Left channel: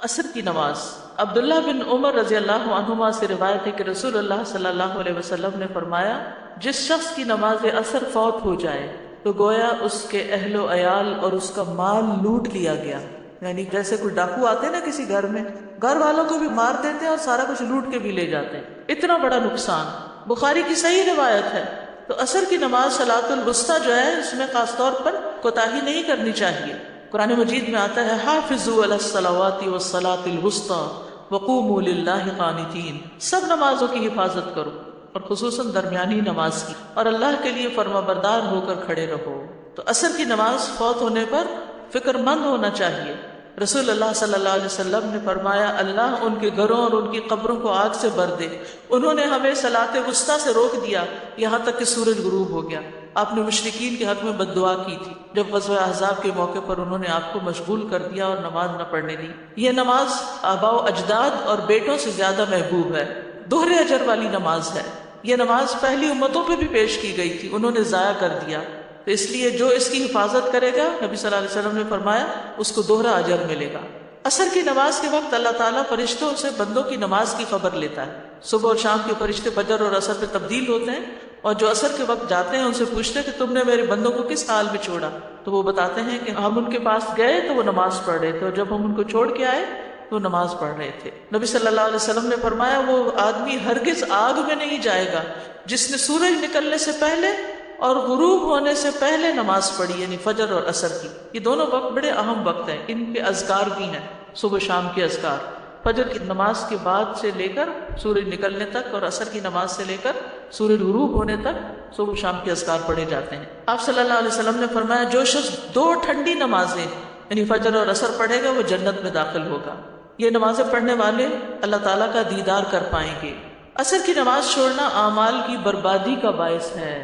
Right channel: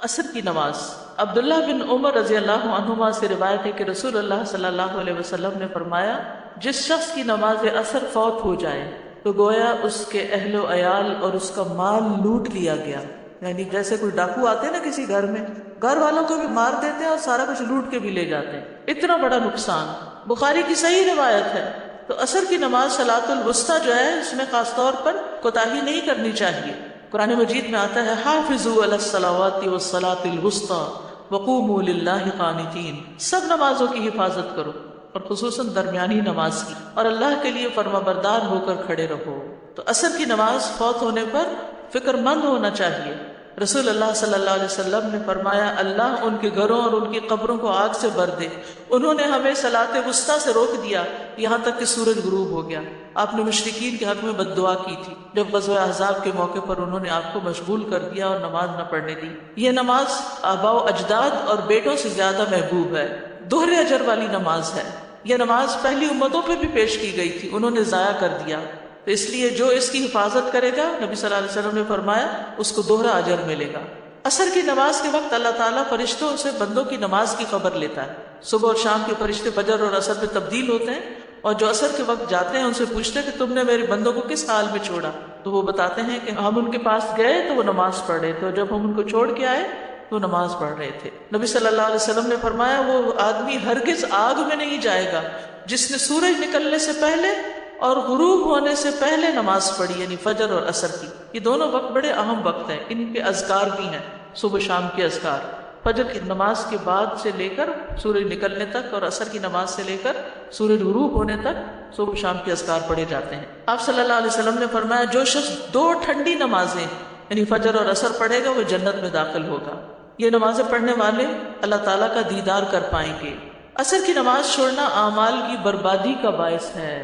عصر کی نماز۔ عبداللہ بن عمر رضی اللہ عنہما سے روایت ہے کہ رسول اللہ صلی اللہ علیہ وسلم نے فرمایا، جس شخص کی نماز عصر فوت ہو جائے تو گویا اس کے اہل و عیال اور اس کا مال لوٹ لیا گیا۔ یعنی جیسے کوئی ڈاکو آتے ہیں نا کسی گھر میں، گھر والوں کو بھی مار دیتے ہیں اور سارا کچھ لوٹ کے بھی لے جاتے ہیں، اتنا بڑا نقصان۔ بخاری کی صحیح روایت ہے۔ تو عصر کی نماز صلاۃ الوسطیٰ جو ہے، اس میں خاص طور پر کوتاہی نہیں کرنی چاہیے۔ قرآن مجید میں آتا ہے، حافظوا علی الصلوات والصلاۃ الوسطیٰ وقوموا للہ قانتین، سب نمازوں کی حفاظت کرو اور خصوصاً درمیانی نماز کی، اور اللہ کے لیے فرما بردار ہو کر کھڑے رہو۔ تو عصر کی نماز فوت ہونے پر فکر مند ہونا چاہیے۔ رسول اللہ صلی اللہ علیہ وسلم نے فرمایا، اللہ ان کے گھروں اور ان کی قبروں کو آگ سے بھر دے، انہوں نے ہمیں صلاۃ وسطیٰ سے روک دیا یہاں تک کہ سورج غروب ہو گیا۔ آپ نے مشرکین کے حق میں بد دعا کی تھی جب غزوہ احزاب کے موقع پر انہوں نے آپ کو مشغول کر دیا اور نماز نہ پڑھنے دی۔ یہ نماز آباء و اجداد اور بیٹوں سے زیادہ محبوب ہے، دوہرے اجر والی نماز ہے۔ یہ نماز پہلی امتوں پہ بھی پیش کی گئی تھی، انہوں نے ضائع کر دیا، تو اس لیے جو اس کی حفاظت کرے گا، نبی صلی اللہ علیہ وسلم نے فرمایا، اس کو دوہرا اجر ملے گا۔ عصر کی نماز کے وقت اللہ تعالیٰ فرشتوں سے بندوں کی نماز کی خبر لیتا ہے۔ صبح اور شام کے فرشتے فجر اور عصر پہ تبدیل ہوتے ہیں، اور جو عصر کے وقت جاتے ہیں ان سے پوچھتے ہیں کہ تم نے میرے بندوں کو کس حال میں چھوڑا، تو وہ بتاتے ہیں کہ ہم ان کے پاس گئے تو وہ نماز پڑھ رہے تھے، اور جب ہم ان کو چھوڑ کے آئے تو نماز پڑھ رہے تھے۔ نبی صلی اللہ علیہ وسلم نے فرمایا، وہ آدمی ہرگز آگ میں نہیں جائے گا جس نے سورج نکلنے سے پہلے اور غروب ہونے سے پہلے نماز پڑھی، یعنی فجر اور عصر کی۔ یہ دونوں وقت بڑے اہم وقت ہیں، ان کے اذکار بھی ہیں، صبح شام کے اذکار، فجر کی نماز کے بعد سے لے کر سورج نکلنے تک، اور عصر کی نماز سے لے کر سورج غروب ہونے تک صبح شام کے اذکار پڑھے جاتے ہیں۔ آپ صلی اللہ علیہ وسلم نے فرمایا، جو شخص 2 ٹھنڈی نمازیں یعنی فجر اور عصر پڑھے گا وہ جنت میں داخل ہوگا۔ یہ نمازیں پڑھنے والے اللہ تعالیٰ کا دیدار کر پائیں گے۔ عصر کی نماز چھوڑنا اعمال کی بربادی کا باعث ہے۔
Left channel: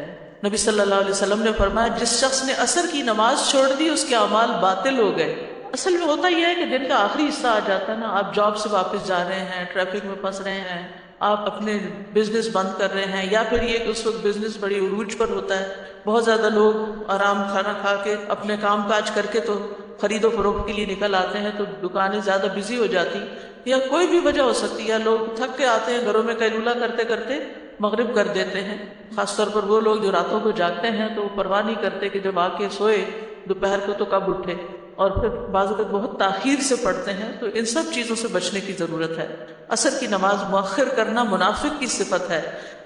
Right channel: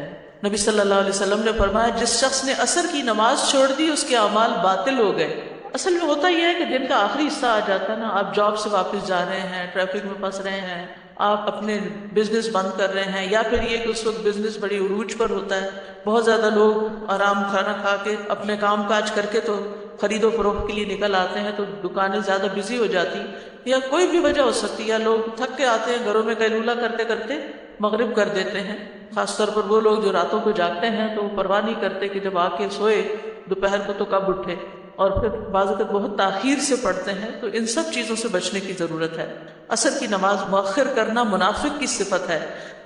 نبی صلی اللہ علیہ وسلم نے فرمایا، جس شخص نے عصر کی نماز چھوڑ دی اس کے اعمال باطل ہو گئے۔ اصل میں ہوتا یہ ہے کہ دن کا آخری حصہ آ جاتا ہے نا، آپ جاب سے واپس جا رہے ہیں، ٹریفک میں پھنس رہے ہیں، آپ اپنے بزنس بند کر رہے ہیں، یا پھر یہ کہ اس وقت بزنس بڑی عروج پر ہوتا ہے، بہت زیادہ لوگ آرام کھانا کھا کے اپنے کام کاج کر کے تو خرید و فروخت کے لیے نکل آتے ہیں، تو دکانیں زیادہ بزی ہو جاتی ہیں، یا کوئی بھی وجہ ہو سکتی ہے، لوگ تھک کے آتے ہیں، گھروں میں قیلولہ کرتے کرتے مغرب کر دیتے ہیں۔ خاص طور پر وہ لوگ جو راتوں کو جاگتے ہیں تو وہ پرواہ نہیں کرتے کہ جب آ کے سوئے دوپہر کو تو کب اٹھے، اور پھر بعض اوقات بہت تاخیر سے پڑھتے ہیں، تو ان سب چیزوں سے بچنے کی ضرورت ہے۔ عصر کی نماز مؤخر کرنا منافق کی صفت ہے۔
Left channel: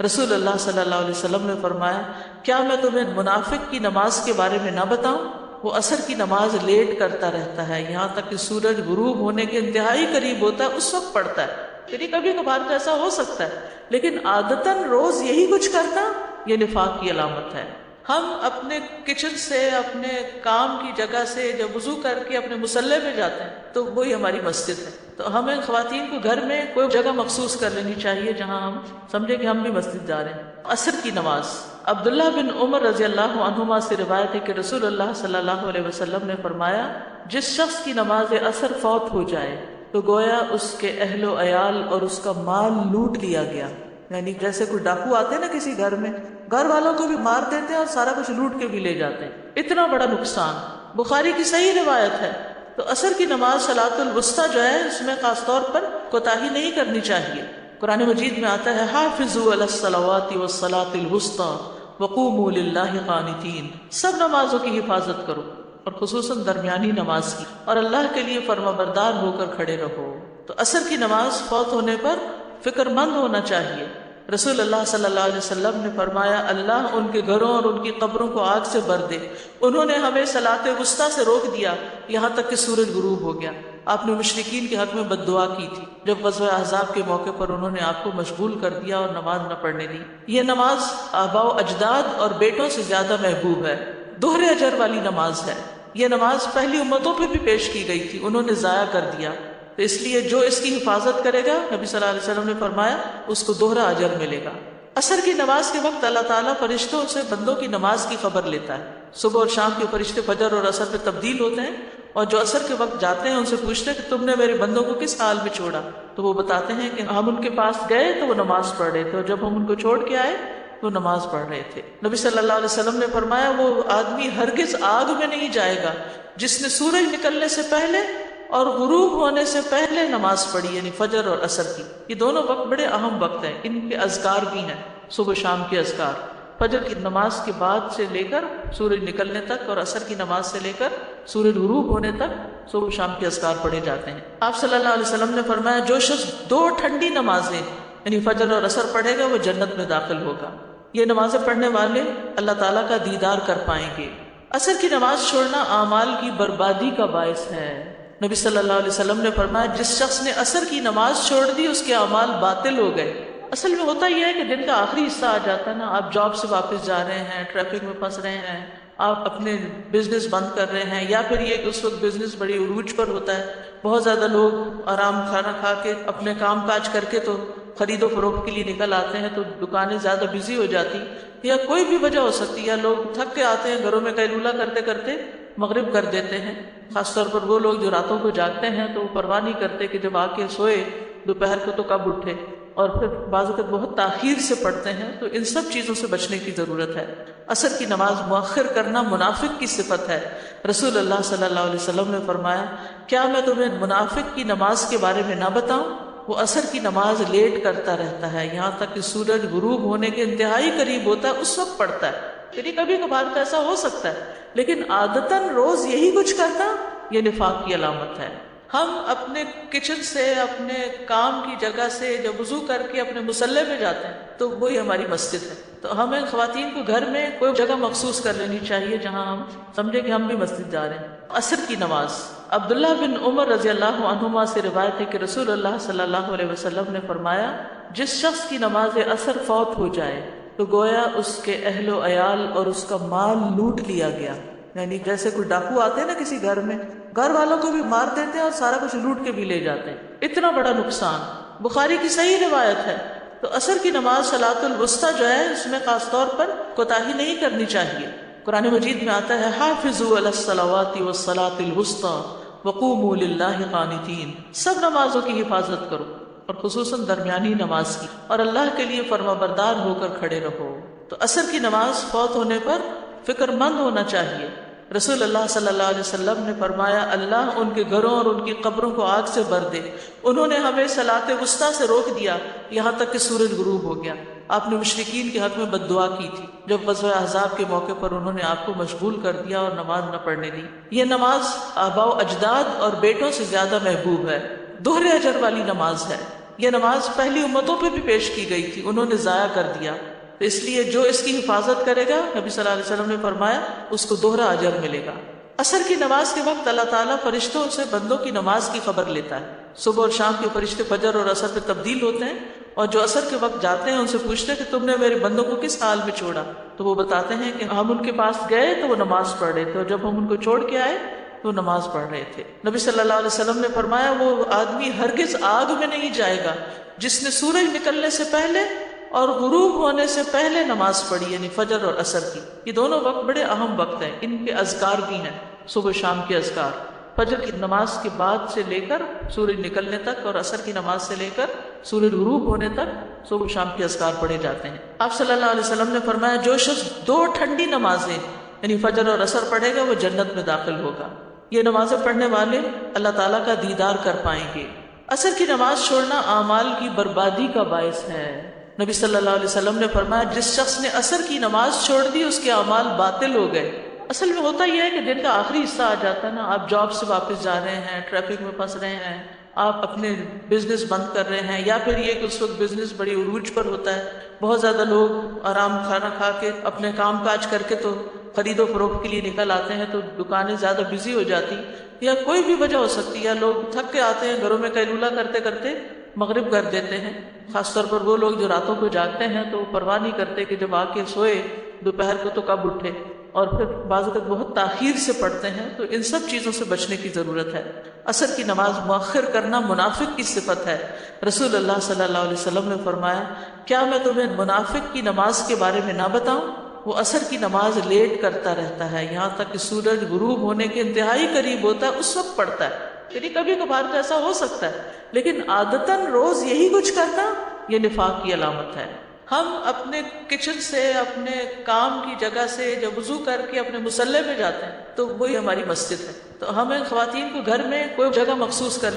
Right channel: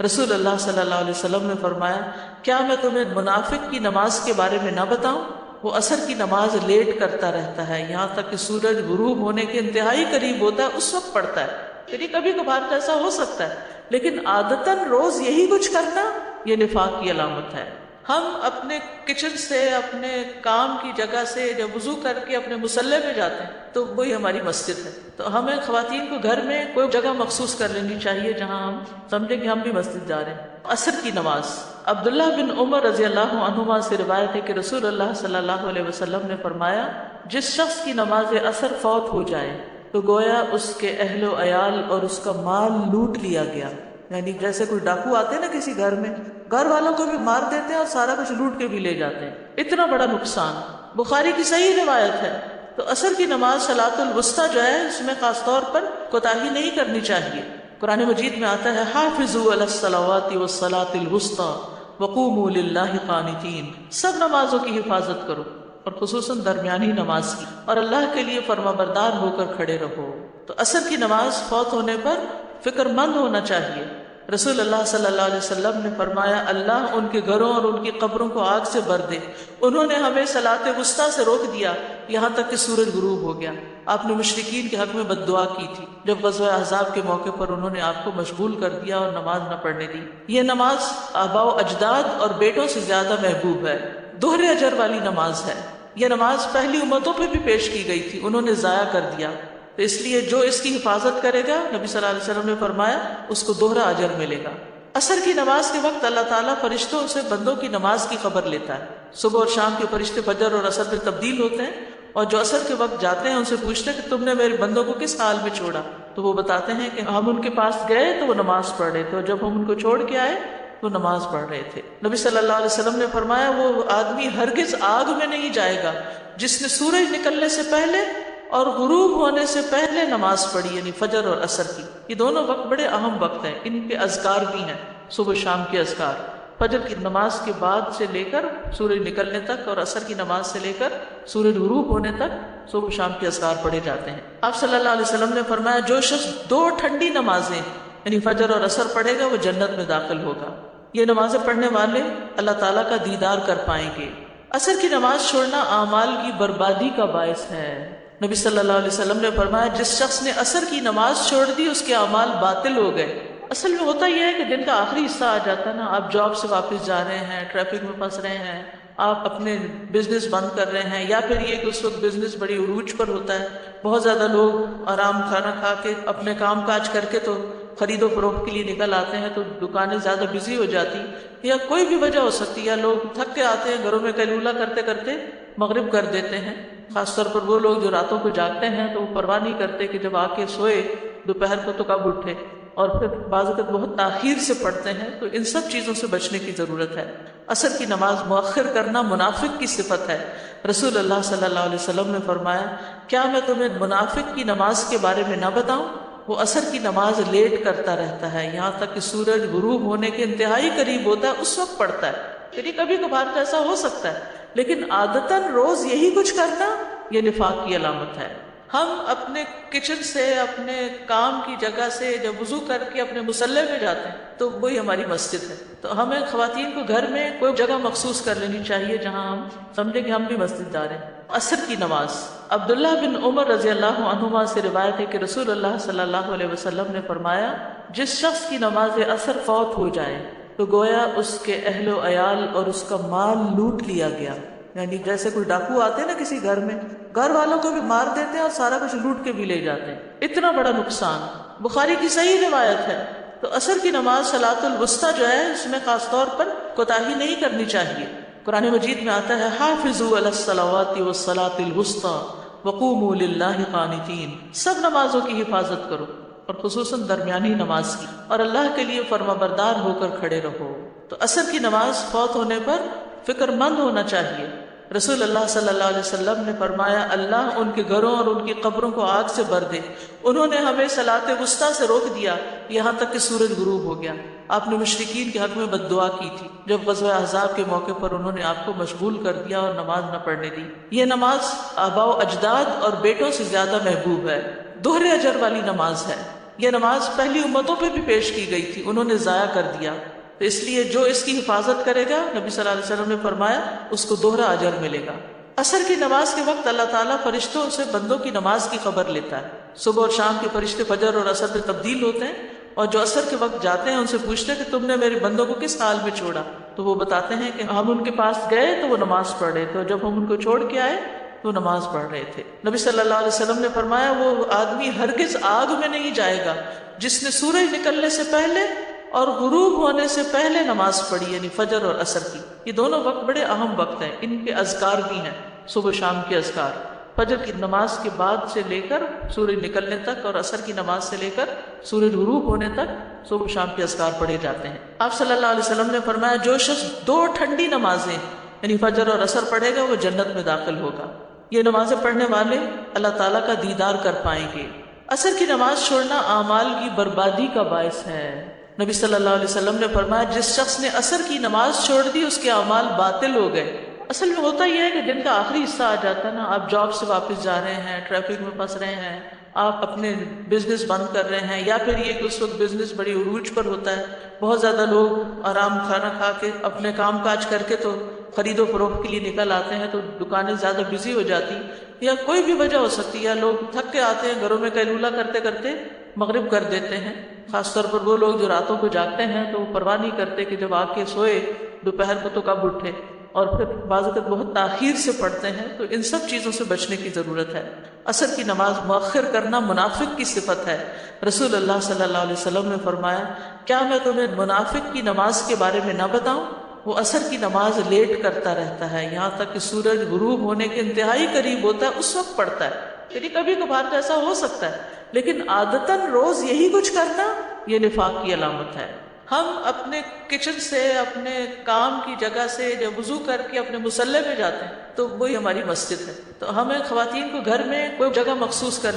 رسول اللہ صلی اللہ علیہ وسلم نے فرمایا، کیا میں تمہیں منافق کی نماز کے بارے میں نہ بتاؤں؟ وہ عصر کی نماز لیٹ کرتا رہتا ہے یہاں تک کہ سورج غروب ہونے کے انتہائی قریب ہوتا ہے، اس وقت پڑھتا ہے۔ پھر کبھی کبھار ایسا ہو سکتا ہے، لیکن عادتاً روز یہی کچھ کرنا یہ نفاق کی علامت ہے۔ ہم اپنے کچن سے، اپنے کام کی جگہ سے جب وضو کر کے اپنے مصلی میں جاتے ہیں تو وہی ہماری مسجد ہے، تو ہمیں خواتین کو گھر میں کوئی جگہ مخصوص کر لینی چاہیے جہاں ہم سمجھیں کہ ہم بھی مسجد جا رہے ہیں۔ عصر کی نماز۔ عبداللہ بن عمر رضی اللہ عنہما سے روایت ہے کہ رسول اللہ صلی اللہ علیہ وسلم نے فرمایا، جس شخص کی نماز عصر فوت ہو جائے تو گویا اس کے اہل و عیال اور اس کا مال لوٹ لیا گیا۔ یعنی جیسے کوئی ڈاکو آتے ہیں نا کسی گھر میں، گھر والوں کو بھی مار دیتے ہیں اور سارا کچھ لوٹ کے بھی لے جاتے ہیں، اتنا بڑا نقصان۔ بخاری کی صحیح روایت ہے۔ تو عصر کی نماز صلاۃ الوسطیٰ جو ہے، اس میں خاص طور پر کوتاہی نہیں کرنی چاہیے۔ قرآن مجید میں آتا ہے، حافظوا علی الصلوات والصلاۃ الوسطیٰ وقوموا للہ قانتین، سب نمازوں کی حفاظت کرو اور خصوصاً درمیانی نماز کی، اور اللہ کے لیے فرما بردار ہو کر کھڑے رہو۔ تو عصر کی نماز فوت ہونے پر فکر مند ہونا چاہیے۔ رسول اللہ صلی اللہ علیہ وسلم نے فرمایا، اللہ ان کے گھروں اور ان کی قبروں کو آگ سے بھر دے، انہوں نے ہمیں صلاۃ وسطیٰ سے روک دیا یہاں تک کہ سورج غروب ہو گیا۔ آپ نے مشرکین کے حق میں بد دعا کی تھی جب غزوہ احزاب کے موقع پر انہوں نے آپ کو مشغول کر دیا اور نماز نہ پڑھنے دی۔ یہ نماز آباء و اجداد اور بیٹوں سے زیادہ محبوب ہے، دوہرے اجر والی نماز ہے۔ یہ نماز پہلی امتوں پہ بھی پیش کی گئی تھی، انہوں نے ضائع کر دیا، تو اس لیے جو اس کی حفاظت کرے گا، نبی صلی اللہ علیہ وسلم نے فرمایا، اس کو دوہرا اجر ملے گا۔ عصر کی نماز کے وقت اللہ تعالیٰ فرشتوں سے بندوں کی نماز کی خبر لیتا ہے۔ صبح اور شام کے فرشتے فجر اور عصر میں تبدیل ہوتے ہیں، اور جو عصر کے وقت جاتے ہیں ان سے پوچھتے ہیں کہ تم نے میرے بندوں کو کس حال میں چھوڑا، تو وہ بتاتے ہیں کہ ہم ان کے پاس گئے تو وہ نماز پڑھ رہے تھے، اور جب ہم ان کو چھوڑ کے آئے تو نماز پڑھ رہے تھے۔ نبی صلی اللہ علیہ وسلم نے فرمایا، وہ آدمی ہرگز آگ میں نہیں جائے گا جس نے سورج نکلنے سے پہلے اور غروب ہونے سے پہلے نماز پڑھی، یعنی فجر اور عصر کی. یہ دونوں وقت بڑے اہم وقت ہیں، ان کے اذکار بھی ہیں، صبح شام کے اذکار. فجر کی نماز کے بعد سے لے کر سورج نکلنے تک، اور عصر کی نماز سے لے کر سورج غروب ہونے تک صبح شام کے اذکار پڑھے جاتے ہیں. آپ صلی اللہ علیہ وسلم نے فرمایا جو شخص 2 ٹھنڈی نمازیں یعنی فجر اور عصر پڑھے گا وہ جنت میں داخل ہوگا. یہ نمازیں پڑھنے والے اللہ تعالیٰ کا دیدار کر پائیں گے. عصر کی نماز چھوڑنا اعمال کی بربادی کا باعث ہے. نبی صلی اللہ علیہ وسلم نے فرمایا جس شخص نے عصر کی نماز چھوڑ دی اس کے اعمال باطل ہو گئے. اصل میں ہوتا یہ ہے کہ دن کا آخری حصہ آ جاتا ہے نا، آپ جاب سے واپس جا رہے ہیں، ٹریفک میں پھنس رہے ہیں، آپ اپنے بزنس بند کر رہے ہیں، یا پھر یہ کہ اس وقت بزنس بڑی عروج پر ہوتا ہے، بہت زیادہ لوگ آرام کھانا کھا کے اپنے کام کاج کر کے تو خرید و فروخت کے لیے نکل آتے ہیں، تو دکانیں زیادہ بزی ہو جاتی، یا کوئی بھی وجہ ہو سکتی ہے، یا لوگ تھک کے آتے ہیں گھروں میں قیلولہ کرتے کرتے مغرب کر دیتے ہیں. خاص طور پر وہ لوگ جو راتوں کو جاگتے ہیں تو وہ پرواہ نہیں کرتے کہ جب آ کے سوئے دوپہر کو تو کب اٹھے، اور پھر بعض اوقات بہت تاخیر سے پڑھتے ہیں. تو ان سب چیزوں سے بچنے کی ضرورت ہے. عصر کی نماز مؤخر کرنا منافق کی صفت ہے. رسول اللہ صلی اللہ علیہ وسلم نے فرمایا کیا میں تمہیں منافق کی نماز کے بارے میں نہ بتاؤں؟ وہ عصر کی نماز لیٹ کرتا رہتا ہے یہاں تک کہ سورج غروب ہونے کے انتہائی قریب ہوتا ہے، اس وقت پڑھتا ہے. یعنی کبھی کبھار تو ایسا ہو سکتا ہے، لیکن عادتاً روز یہی کچھ کرنا یہ نفاق کی علامت ہے. ہم اپنے کچن سے، اپنے کام کی جگہ سے جب وضو کر کے اپنے مصلی میں جاتے ہیں تو وہی ہماری مسجد ہے. تو ہمیں خواتین کو گھر میں کوئی جگہ مخصوص کر لینی چاہیے جہاں ہم سمجھیں کہ ہم بھی مسجد جا رہے ہیں. عصر کی نماز. عبداللہ بن عمر رضی اللہ عنہما سے روایت ہے کہ رسول اللہ صلی اللہ علیہ وسلم نے فرمایا جس شخص کی نماز عصر فوت ہو جائے تو گویا اس کے اہل و عیال اور اس کا مال لوٹ لیا گیا. یعنی جیسے کوئی ڈاکو آتے ہیں نا کسی گھر میں، گھر والوں کو بھی مار دیتے ہیں اور سارا کچھ لوٹ کے بھی لے جاتے ہیں. اتنا بڑا نقصان. بخاری کی صحیح روایت ہے. تو عصر کی نماز صلاۃ الوسطیٰ جو ہے اس میں خاص طور پر کوتاہی نہیں کرنی چاہیے. قرآن مجید میں آتا ہے حافظوا علی الصلوات والصلاۃ الوسطیٰ وقوموا للہ قانتین. سب نمازوں کی حفاظت کرو اور خصوصاً درمیانی نماز کی، اور اللہ کے لیے فرما بردار ہو کر کھڑے رہو. تو عصر کی نماز فوت ہونے پر فکر مند ہونا چاہیے. رسول اللہ صلی اللہ علیہ وسلم نے فرمایا اللہ ان کے گھروں اور ان کی قبروں کو آگ سے بھر دے. انہوں نے ہمیں صلاۃ وسطیٰ سے روک دیا یہاں تک کہ سورج غروب ہو گیا. آپ نے مشرکین کے حق میں بد دعا کی تھی جب غزوہ احزاب کے موقع پر انہوں نے آپ کو مشغول کر دیا اور نماز نہ پڑھنے دی. یہ نماز آباء و اجداد اور بیٹوں سے زیادہ محبوب ہے. دوہرے اجر والی نماز ہے. یہ نماز پہلی امتوں پہ بھی پیش کی گئی تھی، انہوں نے ضائع کر دیا. تو اس لیے جو اس کی حفاظت کرے گا نبی صلی اللہ علیہ وسلم نے فرمایا اس کو دوہرا اجر ملے گا. عصر کی نماز کے وقت اللہ تعالیٰ فرشتوں سے بندوں کی نماز کی خبر لیتا ہے. صبح اور شام کے فرشتے فجر اور عصر میں تبدیل ہوتے ہیں، اور جو عصر کے وقت جاتے ہیں ان سے پوچھتے ہیں کہ تم نے میرے بندوں کو کس حال میں چھوڑا؟ تو وہ بتاتے ہیں کہ ہم ان کے پاس گئے تو وہ نماز پڑھ رہے تھے، اور جب ہم ان کو چھوڑ کے آئے تو نماز پڑھ رہے تھے. نبی صلی اللہ علیہ وسلم نے فرمایا وہ آدمی ہرگز آگ میں نہیں جائے گا جس نے سورج نکلنے سے پہلے اور غروب ہونے سے پہلے نماز پڑھی، یعنی فجر اور عصر کی. یہ دونوں وقت بڑے اہم وقت ہیں، ان کے اذکار بھی ہیں، صبح شام کے اذکار. فجر کی نماز کے بعد سے لے کر سورج نکلنے تک، اور عصر کی نماز سے لے کر سورج غروب ہونے تک صبح شام کے اذکار پڑھے جاتے ہیں. آپ صلی اللہ علیہ وسلم نے فرمایا جو شخص 2 ٹھنڈی نمازیں یعنی فجر اور عصر پڑھے گا وہ جنت میں داخل ہوگا. یہ نمازیں پڑھنے والے اللہ تعالیٰ کا دیدار کر پائیں گے. عصر کی نماز چھوڑنا اعمال کی بربادی کا باعث ہے. نبی صلی اللہ علیہ وسلم نے فرمایا جس شخص نے عصر کی نماز چھوڑ دی اس کے اعمال باطل ہو گئے. اصل میں ہوتا یہ ہے کہ دن کا آخری حصہ آ جاتا ہے نا، آپ جاب سے واپس جا رہے ہیں، ٹریفک میں پھنس رہے ہیں، آپ اپنے بزنس بند کر رہے ہیں، یا پھر یہ کہ اس وقت بزنس بڑی عروج پر ہوتا ہے، بہت زیادہ لوگ آرام کھانا کھا کے اپنے کام کاج کر کے تو خرید و فروخت کے لیے نکل آتے ہیں، تو دکانیں زیادہ بزی ہو جاتی، یا کوئی بھی وجہ ہو سکتی ہے، لوگ تھک کے آتے ہیں گھروں میں قیلولہ کرتے کرتے مغرب کر دیتے ہیں. خاص طور پر وہ لوگ جو راتوں کو جاگتے ہیں تو وہ پرواہ نہیں کرتے کہ جب آ کے سوئے دوپہر کو تو کب اٹھے، اور پھر بعض اوقات بہت تاخیر سے پڑھتے ہیں. تو ان سب چیزوں سے بچنے کی ضرورت ہے. عصر کی نماز مؤخر کرنا منافق کی صفت ہے. رسول اللہ صلی اللہ علیہ وسلم نے فرمایا کیا میں تمہیں منافق کی نماز کے بارے میں نہ بتاؤں؟ وہ عصر کی نماز لیٹ کرتا رہتا ہے یہاں تک کہ سورج غروب ہونے کے انتہائی قریب ہوتا ہے، اس وقت پڑھتا ہے. یعنی کبھی کبھار تو ایسا ہو سکتا ہے، لیکن عادتاً روز یہی کچھ کرنا یہ نفاق کی علامت ہے. ہم اپنے کچن سے، اپنے کام کی جگہ سے وضو کر کے اپنے مصلی پہ جاتے ہیں تو وہی ہماری مسجد ہے. تو ہمیں خواتین کو گھر میں کوئی جگہ مخصوص کر